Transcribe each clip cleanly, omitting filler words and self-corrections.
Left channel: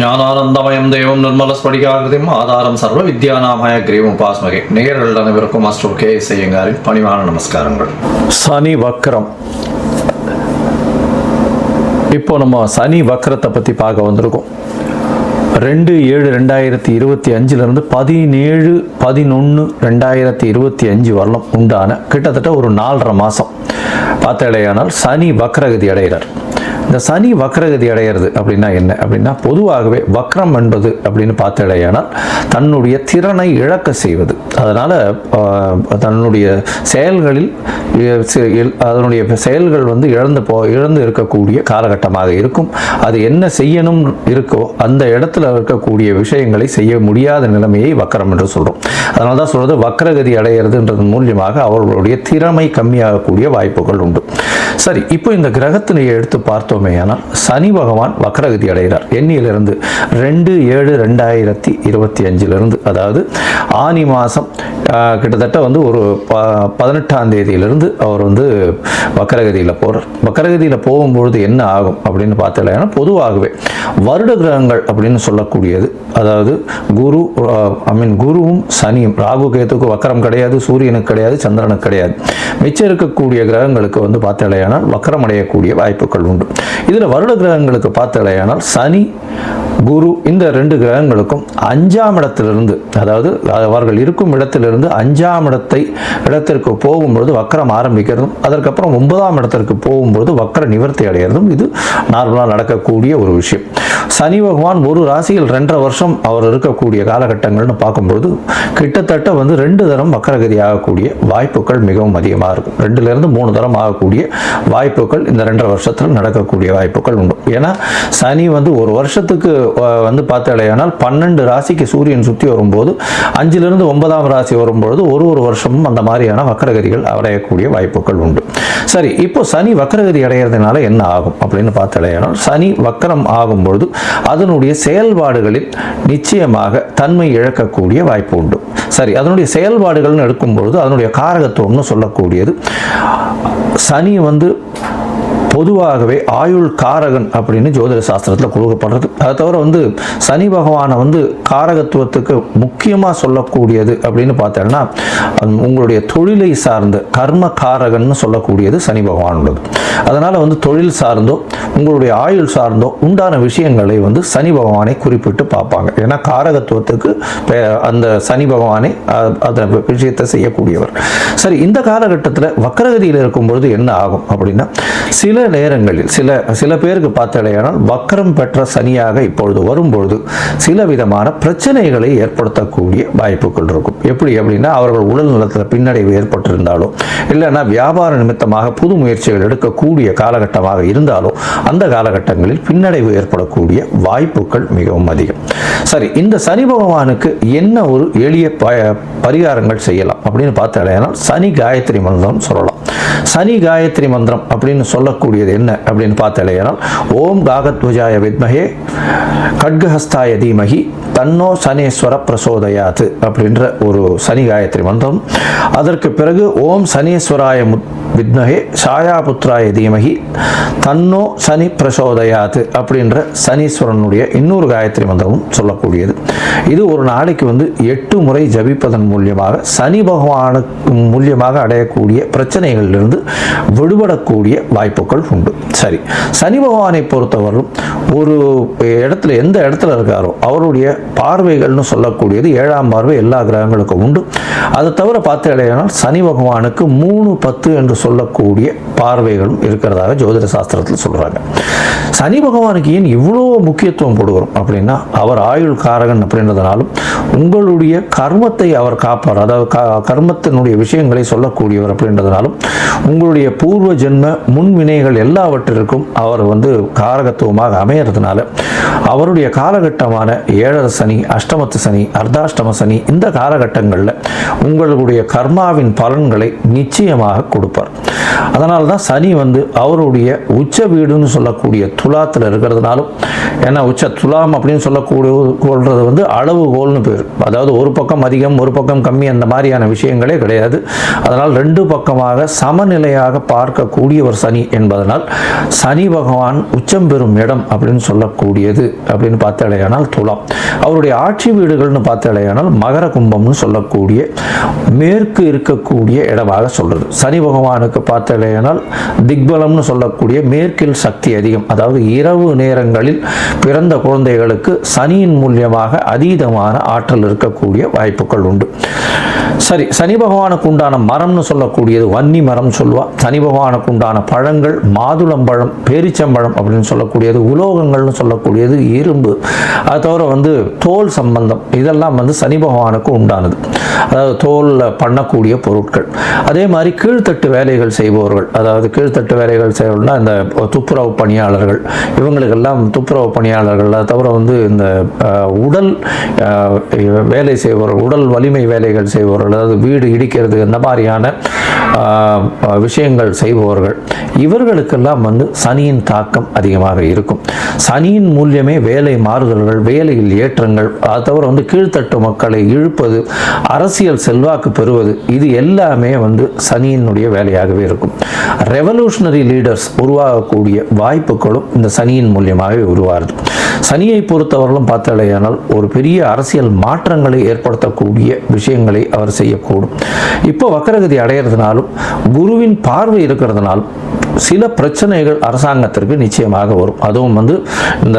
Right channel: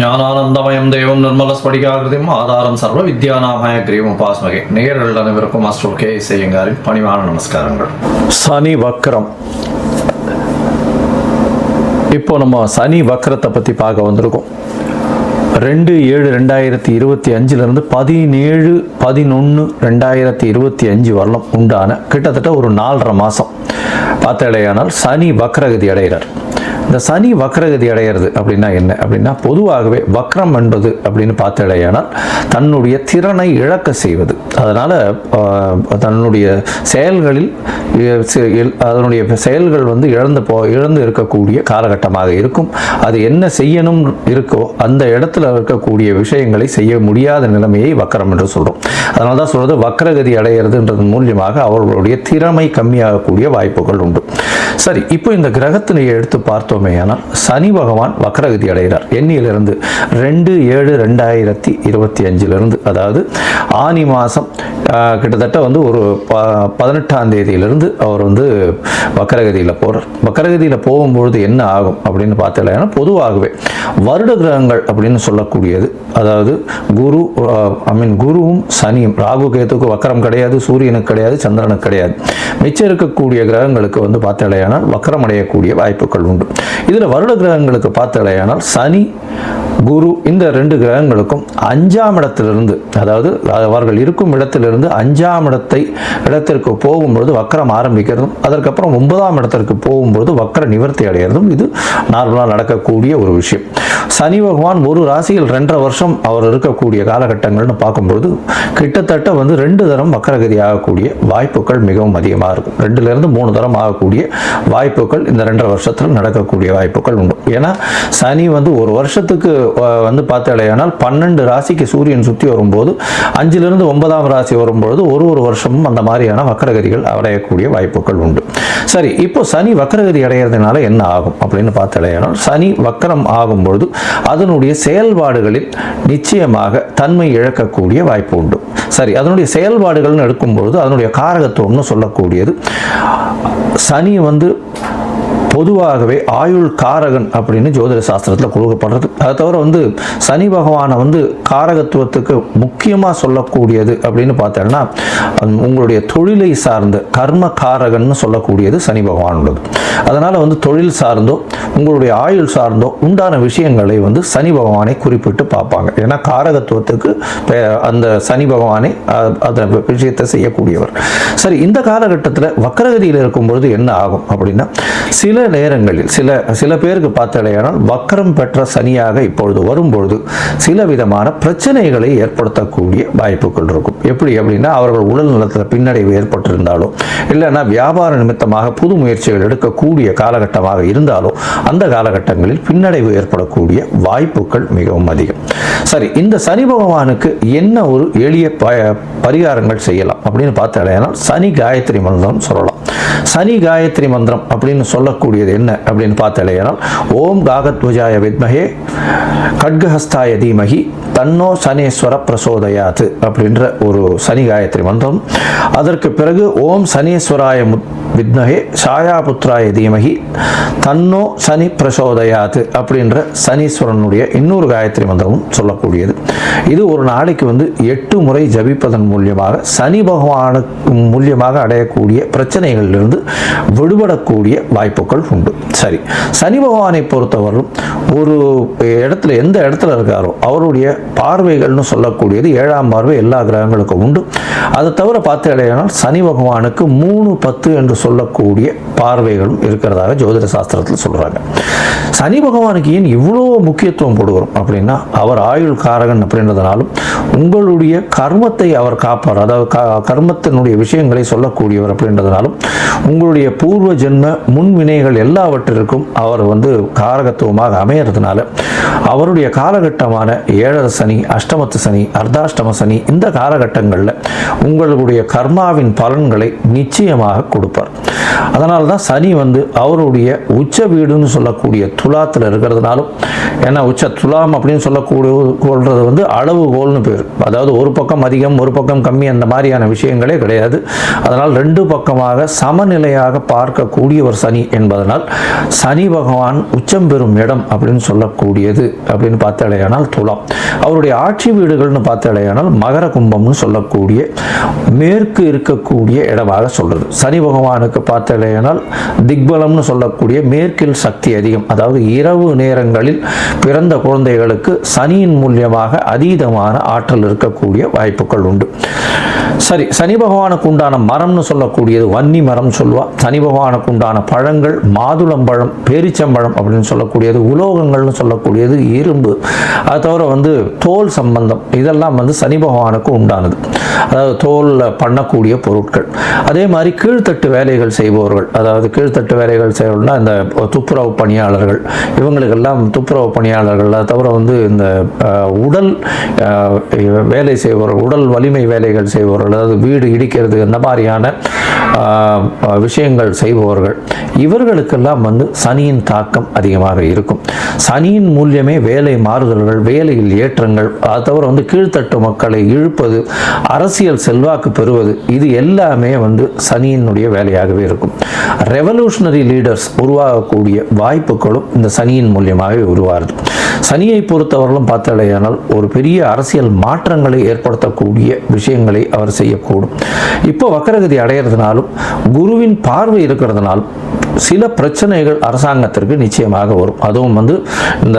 ஞானானந்தமயம் தெய்வம் நிர்மலஸ்படிகாகிருதியும் ஆதாரம் சர்வ வித்யாநாமய கிரீவம் பாஸ்மகே நேரில் அனைவருக்கும் மாஸ்டர் கே செய்யுங்காரின் பணிவான நமஸ்காரங்கள். சனி வக்ரம். இப்போ நம்ம சனி வக்ரத்தை பற்றி பார்க்க வந்திருக்கோம். 2/7/2025 17/11/2025 வரலாம் உண்டான கிட்டத்தட்ட ஒரு 4.5 மாதம் பார்த்தாலேயானால் சனி வக்ரகதி அடைகிறார். இந்த சனி வக்ரகதி அடைகிறது அப்படின்னா என்ன அப்படின்னா, பொதுவாகவே வக்ரம் என்பது அப்படின்னு பார்த்தாலேயானால் தன்னுடைய திறனை இழக்க செய்வது. அதனால் தன்னுடைய செயல்களில் அதனுடைய செயல்கள் இழந்து இருக்கக்கூடிய காலகட்டமாக இருக்கும். அது என்ன செய்யணும் இருக்கோ அந்த இடத்துல இருக்கக்கூடிய விஷயங்களை செய்ய முடியாத நிலைமையை வக்ரம் என்று சொல்கிறோம். அதனால தான் சொல்கிறது வக்ரகதி அடைகிறதுன்றது மூலியமாக அவர்களுடைய திறமை கம்மியாகக்கூடிய வாய்ப்புகள் உண்டு. சரி, இப்போ இந்த கிரகத்திலேயே எடுத்து பார்த்தோமே ஆனால் சனி பகவான் வக்ரகதி அடைகிறார். எண்ணிலிருந்து 2/7/2025 அதாவது ஆனி மாதம் கிட்டத்தட்ட ஒரு 18ஆம் தேதியிலிருந்து அவர் வக்ரகதியில் போகிறார். வக்ரகதியில் போகும்பொழுது என்ன ஆகும் அப்படின்னு பார்த்தீங்கன்னா, பொதுவாகவே வருட கிரகங்கள் அப்படின்னு சொல்லக்கூடியது, அதாவது குருவும் சனியும், ராகு கேத்துக்கு வக்ரம் கிடையாது, சூரியனுக்கு கிடையாது, சந்திரனுக்கு கிடையாது. மிச்சம் இருக்கக்கூடிய கிரகங்களுக்கு பார்த்தாலேயானால் வக்ரம் அடையக்கூடிய வாய்ப்புகள் உண்டு. இதில் வருட கிரகங்களுக்கு பார்த்தாலேயானால் சனி குரு இந்த 2 கிரகங்களுக்கும் 5ஆம் இடத்திலிருந்து, அதாவது அவர்கள் இருக்கும் இடத்திலிருந்து 5ஆம் இடத்திற்கு போகும்போது வக்ரம் ஆரம்பிக்கிறதும், அதற்கப்புறம் 9ஆம் இடத்திற்கு போகும்போது வக்ர நிவர்த்தி அடைகிறதும் இது நார்மலாக நடக்கக்கூடிய ஒரு விஷயம். சனி பகவான் ஒரு ராசியில் 2.5 வருஷம் அவர் இருக்கக்கூடிய காலகட்டங்கள்னு பார்க்கும்போது கிட்டத்தட்ட 2 தரம் வக்ரகதி ஆகக்கூடிய வாய்ப்புகள் மிகவும் அதிகமாக இருக்கும். 2லிருந்து 3 தரம் ஆகக்கூடிய வாய்ப்புகள் இந்த 2.5 வருஷத்தில் நடக்கக்கூடிய வாய்ப்புகள் உண்டு. ஏன்னா சனி ஒரு வருஷத்துக்கு பார்த்தாலேயானால் 12 ராசிக்கு சூரியன் சுற்றி வரும்போது 5லிருந்து 9ஆம் ராசி வரும்போது ஒரு வருஷமும் அந்த மாதிரியான வக்ரகதிகள் அடையக்கூடிய வாய்ப்புகள் உண்டு. சரி, இப்போ சனி வக்ரகதி அடைகிறதுனால என்ன ஆகும் அப்படின்னு பார்த்தாலேயானால், சனி வக்ரம் ஆகும்பொழுது அதனுடைய செயல்பாடுகளில் நிச்சயமாக தன்மை இழக்கக்கூடிய வாய்ப்பு உண்டு. சரி, அதனுடைய செயல்பாடுகள்னு எடுக்கும்பொழுது அதனுடைய காரகத்துவம்னு சொல்லக்கூடியது, சனி பொதுவாகவே ஆயுள் காரகன் அப்படின்னு ஜோதிட சாஸ்திரத்தில் கொடுக்கப்படுறது. அதை தவிர சனி பகவானை காரகத்துவத்துக்கு முக்கியமாக சொல்லக்கூடியது அப்படின்னு பார்த்தோம்னா, உங்களுடைய தொழிலை சார்ந்த கர்ம காரகன்னு சொல்லக்கூடியது சனி பகவான் உள்ளது. அதனால் தொழில் சார்ந்தோ உங்களுடைய ஆயுள் சார்ந்தோ உண்டான விஷயங்களை சனி பகவானை குறிப்பிட்டு பார்ப்பாங்க. ஏன்னா காரகத்துவத்துக்கு அந்த சனி பகவானை அந்த விஷயத்தை செய்யக்கூடியவர். சரி, இந்த காலகட்டத்தில் வக்ரகதியில் இருக்கும்பொழுது என்ன ஆகும் அப்படின்னா, சில நேரங்களில் சில பேருக்கு பார்த்தாலேயானால் வக்ரம் பெற்ற சனியாக இப்பொழுது வரும்பொழுது சில விதமான பிரச்சனைகளை ஏற்படுத்தக்கூடிய வாய்ப்புகள் இருக்கும். எப்படி அப்படின்னா, அவர்கள் உடல் நலத்தில் பின்னடைவு ஏற்பட்டிருந்தாலோ, இல்லைன்னா வியாபார நிமித்தமாக புது முயற்சிகள் எடுக்கக்கூடிய காலகட்டமாக இருந்தாலோ அந்த காலகட்டங்களில் பின்னடைவு ஏற்படக்கூடிய வாய்ப்புகள் மிகவும் அதிகம். சரி, இந்த சனி பகவானுக்கு என்ன ஒரு எளிய பரிகாரங்கள் செய்யலாம் அப்படின்னு பார்த்தாலேயானால் சனி காயத்ரி மந்திரம் சொல்லலாம். சனி காயத்ரி மந்திரம் அப்படின்னு சொல்லக்கூடியது என்ன அப்படின்னு பார்த்தாலேயானால், ஓம் காகத்வஜாய வித்மஹே கட்கஹஸ்தாய தீமஹி தன்னோ சனீஸ்வர பிரசோதயாத் அப்படின்ற ஒரு சனி காயத்ரி மந்திரம். அதற்கு பிறகு ஓம் சனீஸ்வராய வித்மஹே சாயாபுத்ராய தீமஹி தன்னோ சனி பிரசோதயாத் அப்படின்ற சனீஸ்வரனுடைய இன்னொரு காயத்ரி மந்திரமும் சொல்லக்கூடியது. இது ஒரு நாளைக்கு 8 முறை ஜபிப்பதன் மூலியமாக சனி பகவானு மூலியமாக அடையக்கூடிய பிரச்சனைகளிலிருந்து விடுபடக்கூடிய வாய்ப்புகள் உண்டு. சரி, சனி பகவானை பொறுத்தவரை ஒரு இடத்துல எந்த இடத்துல இருக்காரோ அவருடைய பார்வைகள்னு சொல்லக்கூடியது 7ஆம் பார்வை எல்லா கிரகங்களுக்கும் உண்டு. அதை தவிர பார்த்தாலேயானால் சனி பகவானுக்கு 3, 10 என்று சொல்லக்கூடிய பார்வைகளும் இருக்கிறதாக ஜோதிட சாஸ்திரத்தில் சொல்றாங்க. சனி பகவானுக்கு ஏன் இவ்வளோ முக்கியத்துவம் கொடுக்கிறோம் அப்படின்னா, அவர் ஆயுள் காரகன் அப்படின்றதுனாலும் உங்களுடைய கர்மத்தை அவர் காப்பார், அதாவது கர்மத்தினுடைய விஷயங்களை சொல்லக்கூடியவர் அப்படின்றதுனாலும் உங்களுடைய பூர்வ ஜென்ம முன்வினைகள் எல்லாவற்றிற்கும் அவர் காரகத்துவமாக அமையறதுனால அவருடைய காலகட்டமான 7 சனி, அஷ்டமத்து சனி, அர்த்தாஷ்டம சனி இந்த காலகட்டங்களில் உங்களுடைய கர்மாவின் பலன்களை நிச்சயமாக கொடுப்பார். அதனால தான் சனி அவருடைய உச்ச வீடுன்னு சொல்லக்கூடிய துலாத்தில் இருக்கிறதுனாலும், ஏன்னா உச்ச துலாம் அப்படின்னு சொல்லக்கூடியது அளவுகோல்னு பேர். அதாவது ஒரு பக்கம் அதிகம் ஒரு பக்கம் கம்மி அந்த மாதிரியான விஷயங்களே கிடையாது. அதனால் 2 பக்கமாக சமநிலையாக பார்க்கக்கூடிய ஒரு சனி என்பதால் அதனால் சனி பகவான் உச்சம் பெறும் இடம் அப்படின்னு சொல்லக்கூடியது அப்படின்னு பார்த்தாலேயானால் துலாம். அவருடைய ஆட்சி வீடுகள்னு பார்த்தாலேயானால் மகர கும்பம்னு சொல்லக்கூடிய மேற்கு இருக்கக்கூடிய இடமாக சொல்றது. சனி பகவானுக்கு பார்த்தாலேயானால் திக்பலம்னு சொல்லக்கூடிய மேற்கில் சக்தி அதிகம், அதாவது இரவு நேரங்களில் பிறந்த குழந்தைகளுக்கு சனியின் மூலியமாக அதீதமான ஆற்றல் இருக்கக்கூடிய வாய்ப்புகள் உண்டு. சரி, சனி பகவானுக்கு உண்டான மரம்னு சொல்லக்கூடியது வன்னி மரம் சொல்லுவா. சனி பகவானுக்கு உண்டான பழங்கள் மாதுளம்பழம், பேரிச்சம்பழம் அப்படின்னு சொல்லக்கூடியது, உலோகங்கள்னு சொல்லக்கூடியது இரும்பு, அது தவிர தோல் சம்பந்தம், இதெல்லாம் சனி பகவானுக்கு உண்டானது, அதாவது தோல்ல பண்ணக்கூடிய பொருட்கள். அதே மாதிரி கீழ்த்தட்டு வேலைகள் செய்பவர்கள், அதாவது கீழ்த்தட்டு வேலைகள் செய்வர்கள்னா இந்த துப்புரவு பணியாளர்கள், இவங்களுக்கெல்லாம் துப்புரவு பணியாளர்கள், அது தவிர இந்த உடல் வேலை செய்பவர்கள், உடல் வலிமை வேலைகள் செய்பவர்கள், அதாவது வீடு இடிக்கிறது இந்த மாதிரியான விஷயங்கள் செய்பவர்கள், இவர்களுக்கெல்லாம் சனியின் தாக்கம் அதிகமாக இருக்கும். சனியின் மூலியமே வேலை மாறுதல்கள், வேலையில் ஏற்றங்கள், அது தவிர கீழ்த்தட்டு மக்களை இழுப்பது, அரசியல் செல்வாக்கு பெறுவது, இது எல்லாமே சனியினுடைய வேலையாகவே இருக்கும். ரெவல்யூஷனரி லீடர்ஸ் உருவாகக்கூடிய வாய்ப்புகளும் இந்த சனியின் மூலியமாகவே உருவாகுது. சனியை பொறுத்தவர்களும் பார்த்தாலேயானால் ஒரு பெரிய அரசியல் மாற்றங்களை ஏற்படுத்தக்கூடிய விஷயங்களை அவர் செய்யக்கூடும். இப்போ வக்கரகதி அடையிறதுனாலும் குருவின் பார்வை இருக்கிறதுனாலும் சில பிரச்சனைகள் அரசாங்கத்திற்கு நிச்சயமாக வரும். அதுவும் இந்த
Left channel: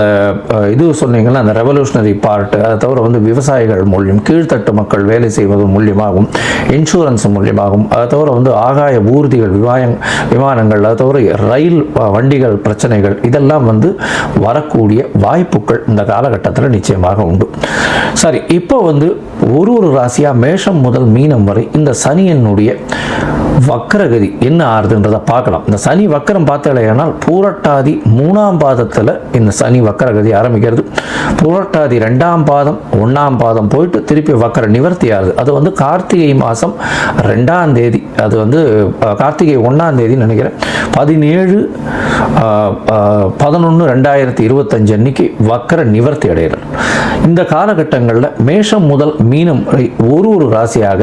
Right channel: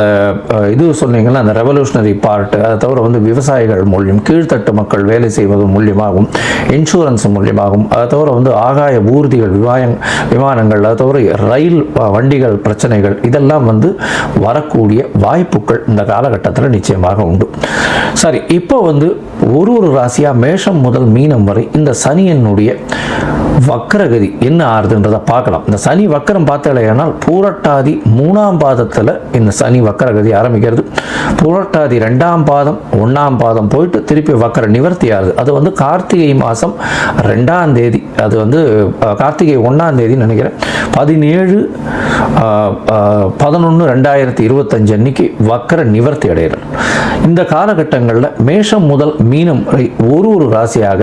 இது சொன்னீங்கன்னா அந்த ரெவல்யூஷனரி பார்ட், அதை தவிர விவசாயிகள் மூலியம், கீழ்த்தட்டு மக்கள் வேலை செய்வது மூலியமாகவும், இன்சூரன்ஸ் மூலியமாகவும், அதை தவிர ஆகாய ஊர்திகள், விமானங்கள், அதை தவிர ரயில் வண்டிகள் பிரச்சனைகள், இதெல்லாம் வரக்கூடிய வாய்ப்புகள் இந்த காலகட்டத்தில் நிச்சயமாக உண்டு. சரி, இப்போ ஒரு ராசியா மேஷம் முதல் மீனம் வரை இந்த சனியினுடைய வக்கரகதி என்ன ஆறுதுன்றதை பார்க்கலாம். இந்த சனி வக்கரம் பார்த்தாலேயானால் பூரட்டாதி 3ஆம் பாதத்தில் இந்த சனி வக்கரகதி ஆரம்பிக்கிறது. பூரட்டாதி 2ஆம் பாதம் 1ஆம் பாதம் போயிட்டு திருப்பி வக்கர நிவர்த்தி ஆகுது. அது கார்த்திகை மாதம் 2ஆம் தேதி, அது கார்த்திகை 1ஆம் தேதி நினைக்கிறேன், 17/11/2025 அன்னைக்கு வக்கர நிவர்த்தி அடைகிறது. இந்த காலகட்டங்களில் மேஷம் முதல் மீனம் வரை ஒரு ராசியாக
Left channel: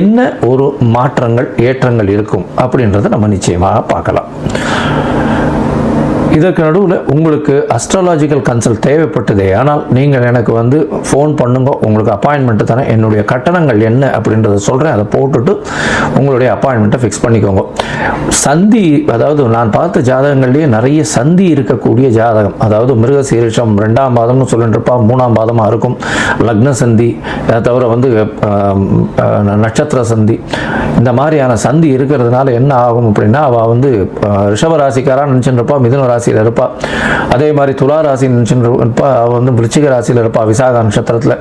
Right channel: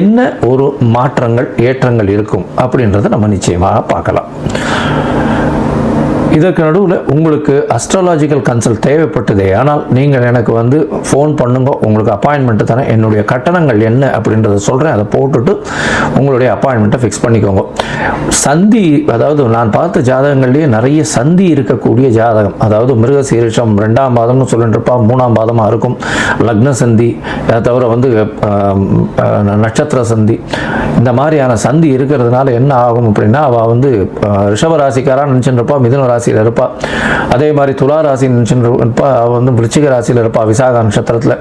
என்ன ஒரு மாற்றங்கள் ஏற்றங்கள் இருக்கும் அப்படின்றத நம்ம நிச்சயமாக பார்க்கலாம். இதற்கு நடுவில் உங்களுக்கு அஸ்ட்ராலாஜிக்கல் கன்சல்ட் தேவைப்பட்டதே ஆனால் நீங்கள் எனக்கு ஃபோன் பண்ணுங்க, உங்களுக்கு அப்பாயின்மெண்ட் தானே. என்னுடைய கட்டணங்கள் என்ன அப்படின்றத சொல்கிறேன், அதை போட்டுட்டு உங்களுடைய அப்பாயின்மெண்ட்டை ஃபிக்ஸ் பண்ணிக்கோங்க. சந்தி, அதாவது நான் பார்த்த ஜாதகங்கள்லேயே நிறைய சந்தி இருக்கக்கூடிய ஜாதகம், அதாவது மிருகசீரிஷம் 2ஆம் பாதம்னு சொல்லிட்டு இருப்பா, 3ஆம் பாதமாக இருக்கும், லக்ன சந்தி, அதை தவிர நட்சத்திர சந்தி, இந்த மாதிரியான சந்தி இருக்கிறதுனால என்ன ஆகும் அப்படின்னா, அவள் ரிஷபராசிக்காரான்னு நினச்சிட்டு இருப்பா, மிதுன ராசியில் இருப்பா, அதே மாதிரி துலா ராசி நினச்சிட்டு இருப்பா, அவள் விருச்சிக ராசியில் இருப்பா, விசாக நட்சத்திரத்தில்.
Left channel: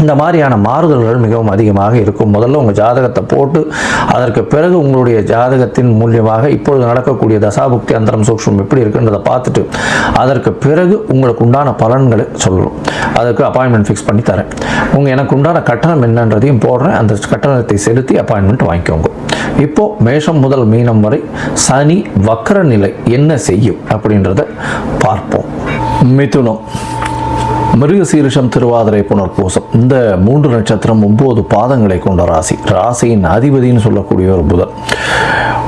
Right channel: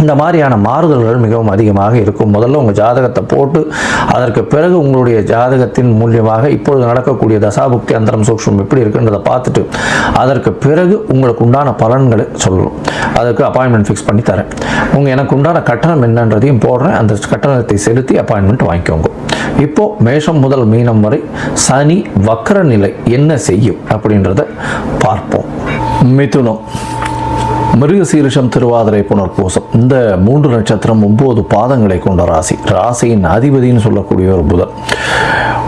இந்த மாதிரியான மாறுதல்கள் மிகவும் அதிகமாக இருக்கும். முதல்ல உங்கள் ஜாதகத்தை போட்டு அதற்கு பிறகு உங்களுடைய ஜாதகத்தின் மூலியமாக இப்பொழுது நடக்கக்கூடிய தசாபுக்தி அந்தரம் சூக்ஷ்மம் எப்படி இருக்குன்றதை பார்த்துட்டு அதற்கு பிறகு உங்களுக்கு உண்டான பலன்களை சொல்லணும். அதுக்கு அப்பாயின்மெண்ட் ஃபிக்ஸ் பண்ணி தரேன். எனக்கு உண்டான கட்டணம் என்னன்றதையும் போடுறேன், அந்த கட்டணத்தை செலுத்தி அப்பாயின்மெண்ட் வாங்கிக்கோங்க. இப்போ மேஷம் முதல் மீனம் வரை சனி வக்கர நிலை என்ன செய்யும் அப்படின்றத பார்ப்போம். மிதுனம், மிருகசீரிஷம், திருவாதிரை, புனர்பூசம், இந்த 3 நட்சத்திரம் 9 பாதங்களை கொண்ட ராசி. ராசியின் அதிபதினு சொல்லக்கூடிய ஒரு புதன்.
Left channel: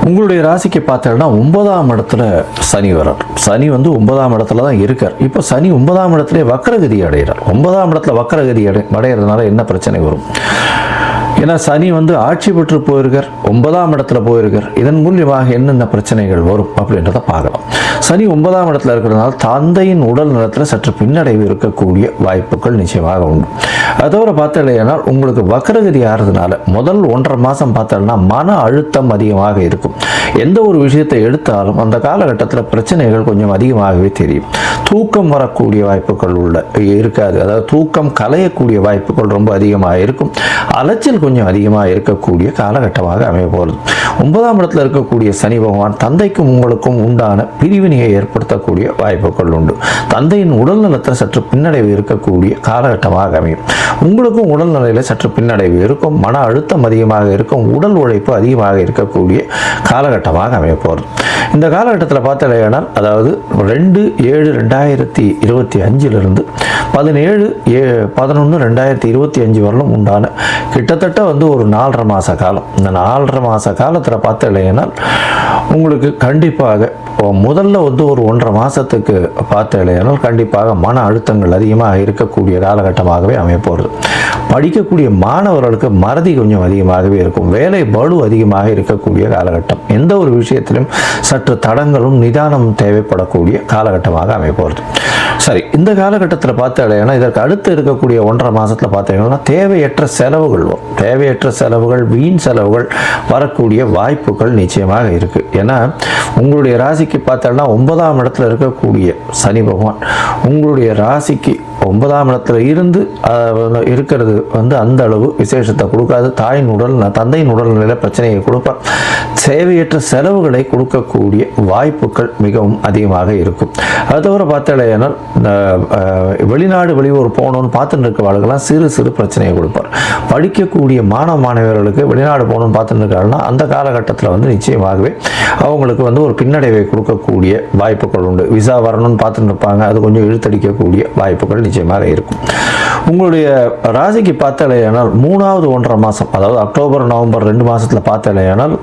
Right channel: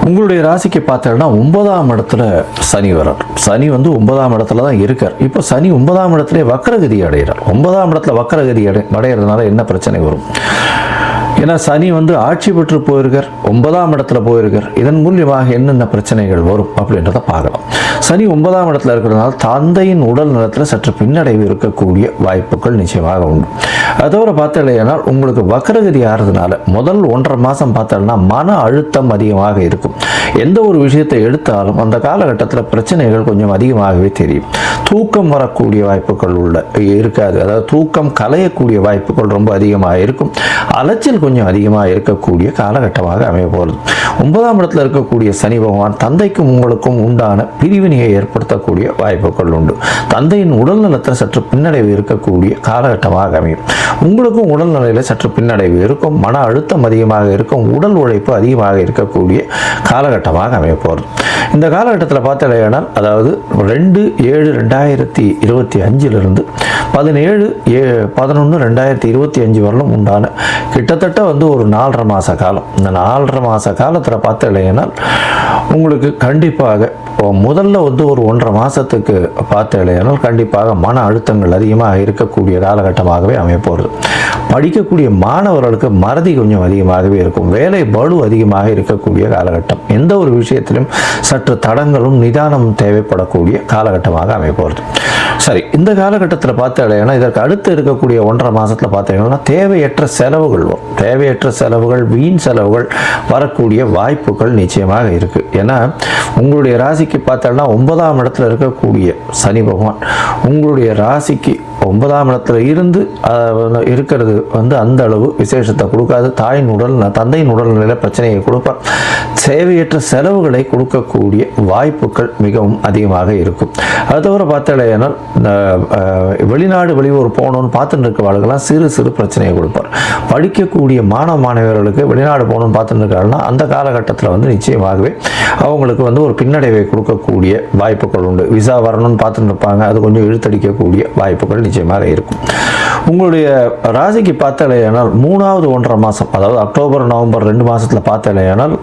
உங்களுடைய ராசிக்கு பார்த்தீங்கன்னா 9ஆம் இடத்துல சனி வரார். சனி 9ஆம் இடத்துல தான் இருக்கார். இப்போ சனி 9ஆம் இடத்துல வக்கரகதி அடைகிறார். 9ஆம் இடத்துல வக்கரகதி அடைகிறதுனால என்ன பிரச்சனை வரும்? ஏன்னா சனி ஆட்சி பெற்று போயிருக்கார், 9ஆம் இடத்துல போயிருக்கார். இதன் மூலியமாக என்னென்ன பிரச்சனைகள் வரும் அப்படின்றத பார்க்கலாம். சனி 9ஆம் இடத்துல இருக்கிறதுனால தந்தையின் உடல் நலத்தில் சற்று பின்னடைவு இருக்கக்கூடிய வாய்ப்புகள் நிச்சயமாக உண்டு. அதோட பார்த்தீங்கன்னா உங்களுக்கு வக்கரகதி ஆகிறதுனால முதல் 1.5 மாதம் பார்த்தோம்னா மன அழுத்தம் அதிகமாக இருக்கும். எந்த ஒரு விஷயத்தை எடுத்தாலும் அந்த காலகட்டத்தில் பிரச்சனைகள் கொஞ்சம் அதிகமாகவே தெரியும். தூக்கம் வரக்கூடிய வாய்ப்புகள் இருக்காது, அதாவது தூக்கம் கலையக்கூடிய வாய்ப்புகள் ரொம்ப அதிகமாக இருக்கும். அலைச்சல் கொஞ்சம் அதிகமாக இருக்கக்கூடிய காலகட்டமாக அமைய போகிறது. 9ஆம் இடத்துல இருக்கக்கூடிய சனி பகவான் தந்தைக்கும் உங்களுக்கும் உண்டான பிரிவினையை ஏற்படுத்தக்கூடிய வாய்ப்புகள் உண்டு. தந்தையின் உடல்நலத்தில் சற்று பின்னடைவு இருக்கக்கூடிய காலகட்டமாக அமையும். உங்களுக்கும் உடல்நிலையில் சற்று பின்னடைவு இருக்கும், மன அழுத்தம் அதிகமாக இருக்கும், உடல் உழைப்பு அதிகமாக இருக்கக்கூடிய காலகட்டமாக அமைய போகிறது. இந்த காலகட்டத்தில் பார்த்தீங்கன்னா அதாவது 2/7/2025 17/11/2025 வரலும் உண்டான கிட்டத்தட்ட வந்து ஒரு 4.5 மாத காலம். இந்த 4.5 மாத காலத்தில் பார்த்தீங்கன்னா உங்களுக்கு கண்டிப்பாக முதல்ல வந்து ஒரு 1.5 மாதத்துக்கு பார்த்தீங்கன்னா கண்டிப்பாக மன அழுத்தங்கள் அதிகமாக இருக்கக்கூடிய காலகட்டமாகவே அமையப்போகிறது. படிக்கக்கூடிய மாணவர்களுக்கு மறதி கொஞ்சம் அதிகமாகவே இருக்கும். வேலை பளு அதிகமாக இருக்கக்கூடிய காலகட்டம். எந்த ஒரு விஷயத்திலும் சற்று தடங்களும் நிதானமும் தேவைப்படக்கூடிய காலகட்டமாக அமையப்போகிறது. சரி, இந்த காலகட்டத்தில் பார்த்தீங்கன்னா இதற்கு அடுத்து இருக்கக்கூடிய 1.5 மாதத்தில் பார்த்தீங்கன்னா தேவையற்ற செலவுகள் வரும். தேவையற்ற செலவுகள், வீண் செலவுகள் வரக்கூடிய வாய்ப்புகள் நிச்சயமாக இருக்கு. ஏன்னா உங்களுடைய ராசிக்கு பார்த்தோம்னா 9ஆம் இடத்துல இருக்கக்கூடிய சனி பகவான் உங்களுடைய ராசிக்கு 9ஆம் இடத்துல இருந்து இருக்கிறது வந்து அந்த அளவு விசேஷத்தை கொடுக்காது. தந்தையின் உடல்நிலை பிரச்சனையை கொடுப்பார். தேவையற்ற செலவுகளை கொடுக்கக்கூடிய வாய்ப்புகள் மிகவும் அதிகமாக இருக்கும். அது தவிர பார்த்தீங்கன்னா வெளிநாடு வெளியூர் போகணும்னு பார்த்துட்டு இருக்கவாளுக்கெல்லாம் சிறு சிறு பிரச்சனையை கொடுப்பார். படிக்கக்கூடிய மாணவ மாணவர்களுக்கு வெளிநாடு போகணும்னு பார்த்துட்டு இருக்காங்கன்னா அந்த காலகட்டத்தில் வந்து நிச்சயமாகவே அவங்களுக்கு வந்து ஒரு பின்னடைவை கொடுக்கக்கூடிய வாய்ப்புகள் உண்டு. விசா வரணும்னு பார்த்துட்டு இருப்பாங்க, அது கொஞ்சம் இழுத்தடிக்கக்கூடிய வாய்ப்புகள் நிச்சயமாக இருக்கும். உங்களுடைய ராசிக்கு பார்த்தாலேயானால் 3வது 1.5 மாதம், அதாவது அக்டோபர் நவம்பர் 2 மாதத்தில் பார்த்தாலேயானால்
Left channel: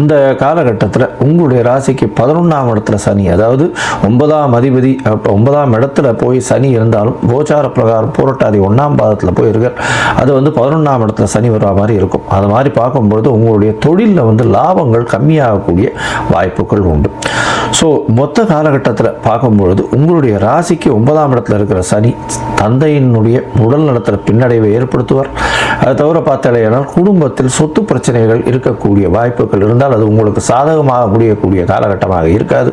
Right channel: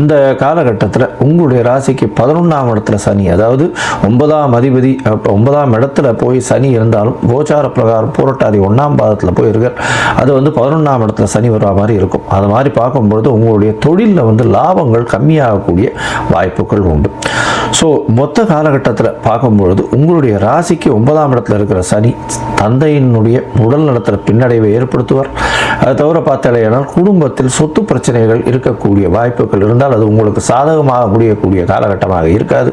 இந்த காலகட்டத்தில் உங்களுடைய ராசிக்கு 11ஆம் இடத்துல சனி, அதாவது 9ஆம் அதிபதி 9ஆம் இடத்துல போய் சனி இருந்தாலும் கோச்சார பிரகாரம் புரட்டாதி 1ஆம் பாதத்தில் போய் இருக்கார். அது வந்து 11ஆம் இடத்துல சனி வர மாதிரி இருக்கும். அது மாதிரி பார்க்கும்பொழுது உங்களுடைய தொழிலில் வந்து லாபங்கள் கம்மியாகக்கூடிய வாய்ப்புகள் உண்டு. ஸோ மொத்த காலகட்டத்தில் பார்க்கும்பொழுது உங்களுடைய ராசிக்கு 9ஆம் இடத்துல இருக்கிற சனி தந்தையினுடைய உடல் நலத்தில் பின்னடைவை ஏற்படுத்துவார். அது தவிர பார்த்தாலேயானால் குடும்பத்தில் சொத்து பிரச்சனைகள் இருக்கக்கூடிய வாய்ப்புகள் இருந்தால் அது உங்களுக்கு சாதகமாக முடியக்கூடிய காலகட்டமாக இருக்காது.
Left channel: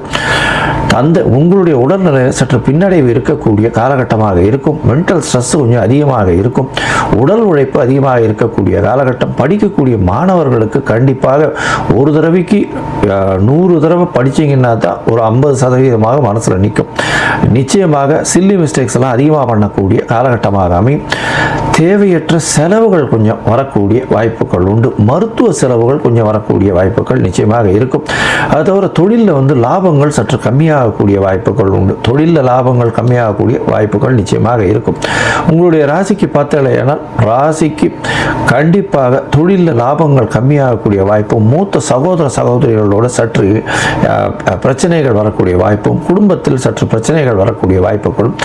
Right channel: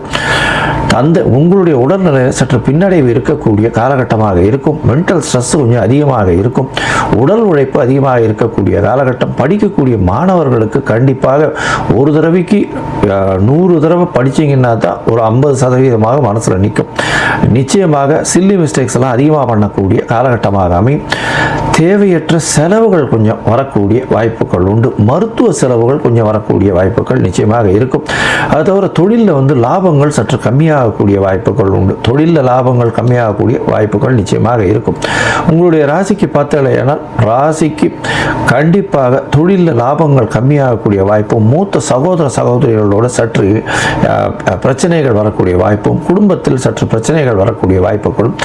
உங்களுடைய உடல்நிலையில் சற்று பின்னடைவு இருக்கக்கூடிய காலகட்டமாக இருக்கும். மென்டல் ஸ்ட்ரெஸ் கொஞ்சம் அதிகமாக இருக்கும். உடல் உழைப்பு அதிகமாக இருக்கக்கூடிய காலகட்டம். படிக்கக்கூடிய மாணவர்களுக்கு கண்டிப்பாக ஒரு தடவைக்கு 100 தடவை படிச்சீங்கன்னா தான் ஒரு 50% மனசுல நிற்கும். நிச்சயமாக சில்லி மிஸ்டேக்ஸ் எல்லாம் அதிகமாக பண்ணக்கூடிய காலகட்டமாக அமையும். தேவையற்ற செலவுகள் கொஞ்சம் வரக்கூடிய வாய்ப்புகள் உண்டு. மருத்துவ செலவுகள் கொஞ்சம் வரக்கூடிய வாய்ப்புகள் நிச்சயமாக இருக்கும். அது தவிர தொழிலில் வந்து லாபங்கள் சற்று கம்மியாகக்கூடிய வாய்ப்புகள் உண்டு. தொழிலில் லாபங்கள் கம்மியாகக்கூடிய வாய்ப்புகள் நிச்சயமாக இருக்கும். உங்களுடைய ராசிக்கு பார்த்தாலேயானால் ராசிக்கு கண்டிப்பாக தொழிலில் லாபங்கள் கம்மியாகக்கூடிய வாய்ப்பும், மூத்த சகோதர சகோதரிகளோட சற்று பிரச்சனைகள் வரக்கூடிய வாய்ப்பும், குடும்பத்தில் சற்று பிரச்சனைகள் வரக்கூடிய வாய்ப்புகளும்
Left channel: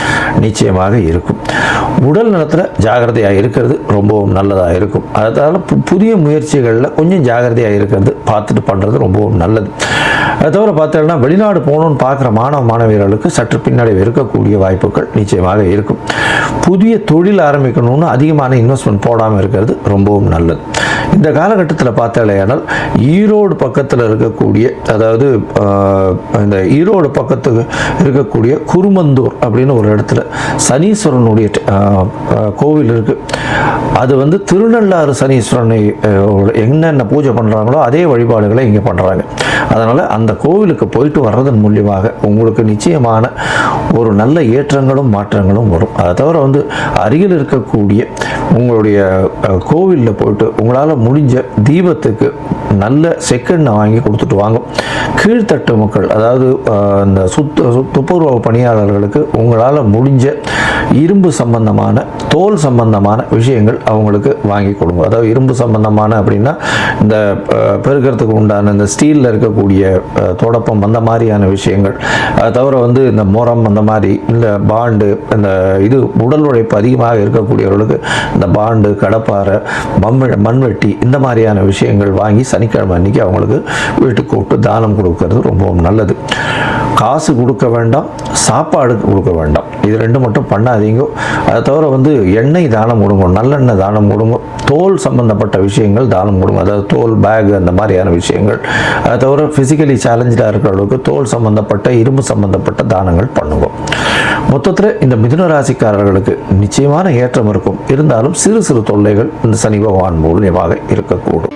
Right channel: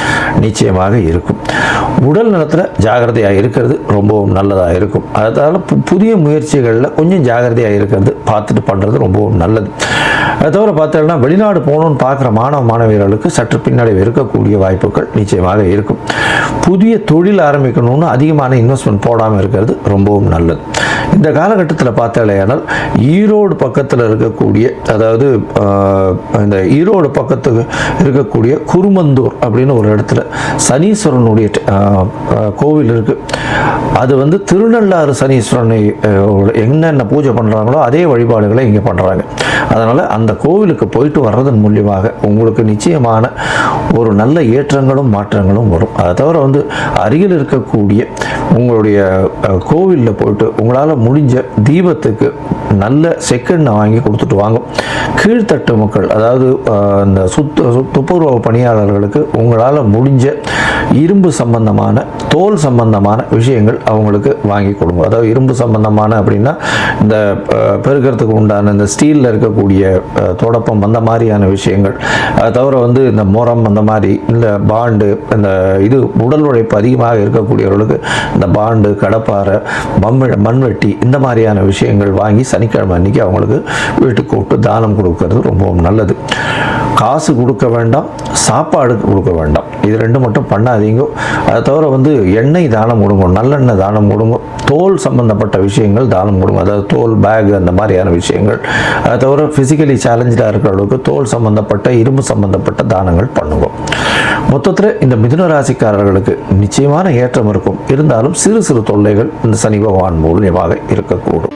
நிச்சயமாக இருக்கும். உடல் நலத்தில் ஜாகிரதையாக இருக்கிறது ரொம்பவும் நல்லதாக இருக்கும். அதனால புதிய முயற்சிகளில் கொஞ்சம் ஜாகிரதையாக இருக்கிறது பார்த்துட்டு பண்ணுறது ரொம்பவும் நல்லது. அது தவிர பார்த்தீங்கன்னா வெளிநாடு போகணும்னு பார்க்குற மாணவ மாணவியர்களுக்கு சற்று பின்னடைவு இருக்கக்கூடிய வாய்ப்புகள் நிச்சயமாக இருக்கும். புதிய தொழில் ஆரம்பிக்கணும்னு அதிகமான இன்வெஸ்ட்மெண்ட் போடாமல் இருக்கிறது ரொம்பவும் நல்லது. இந்த காலகட்டத்தில் பார்த்தாலேயானால் ஈரோடு பக்கத்தில் இருக்கக்கூடிய, அதாவது இந்த ஈரோடு பக்கத்துக்கு இருக்கக்கூடிய குருமந்தூர் அப்படின்னு ஒரு இடத்துல சனீஸ்வரனுடைய கோவில் இருக்கு. அது வந்து திருநள்ளாறு சனீஸ்வரனை என்னென்ன பூஜை பண்றாங்களோ அதே வழிபாடுகளை இங்கே பண்றாங்க. அதனால அந்த கோவிலுக்கு போயிட்டு வர்றதன் மூலியமாக உங்களுக்கு நிச்சயமான ஒரு நல்ல ஏற்றங்களும் மாற்றங்களும் வரும். அதை தவிர வந்து அருகில் இருக்கக்கூடிய உங்களுடைய கோவிலில் போயிட்டு உங்களால் முடிஞ்ச தீபத்துக்கு நல்ல செக்கெண்ணை வாங்கி கொடுத்துட்டு வாங்க. கீழ்த்தட்டு மக்கள், அதாவது இந்த துப்புரவு பணியாளர்களுக்கு உங்களால் முடிஞ்ச இரும்பு சம்பந்தமான, தோல் சம்பந்தமான விஷயங்கள் அவங்களுக்கு வாங்கி கொடுங்க. அதாவது இரும்பு சம்பந்தமான அப்படின்னா இந்த பெருக்கிறதுக்கு உண்டான இந்த ஸ்டீலில் இருக்கக்கூடிய தொடப்பம், அந்த மாதிரியான விஷயங்கள். அதை தவிர வந்து இந்த முறம், அந்த மாதிரி இந்த பாண்டு, இந்த இது உடல் உழைப்பு அதிகமாக இருக்கக்கூடியவர்களுக்கு இந்த பாண்டு, கடப்பாறை, மண்வெட்டி, இந்த மாதிரியான விஷயங்கள் வாங்கி சனிக்கிழமை அன்னைக்கு அவங்களுக்கு வீட்டுக்கு கூப்பிட்டு தானம் கொடுக்கறது ரொம்பவும் நல்லது. காசு கொடுக்க வேண்டாம், சாப்பாடு கொடுக்க வேண்டாம். இது ரெண்டு மட்டும் பண்ணாதீங்க. அதை தவிர வந்து எண்ணெய் தானம் கொடுங்க, நல்லெண்ணெய் தானம் கொடுங்க, தோல் சம்பந்தப்பட்ட விஷயங்கள் தானம் கொடுங்க. அதாவது தோல் பேக், அந்த மாதிரியான விஷயங்கள். அதை தவிர பிசிக்கலி சேலஞ்சாக இருக்கிறவங்களுக்கு தோல் சம்பந்தப்பட்ட, இரும்பு சம்பந்தப்பட்ட தானங்கள் பண்ணுங்க. மொத்தத்தில் இந்த மிதுன ராசிக்காரர்களுக்கு நிச்சயமான ஏற்றம் இருக்கும். இருந்தாலும் சிறு சிறு தொல்லைகள் இந்த சனி பகவான் மூலியமாக இருக்கக்கூடும்.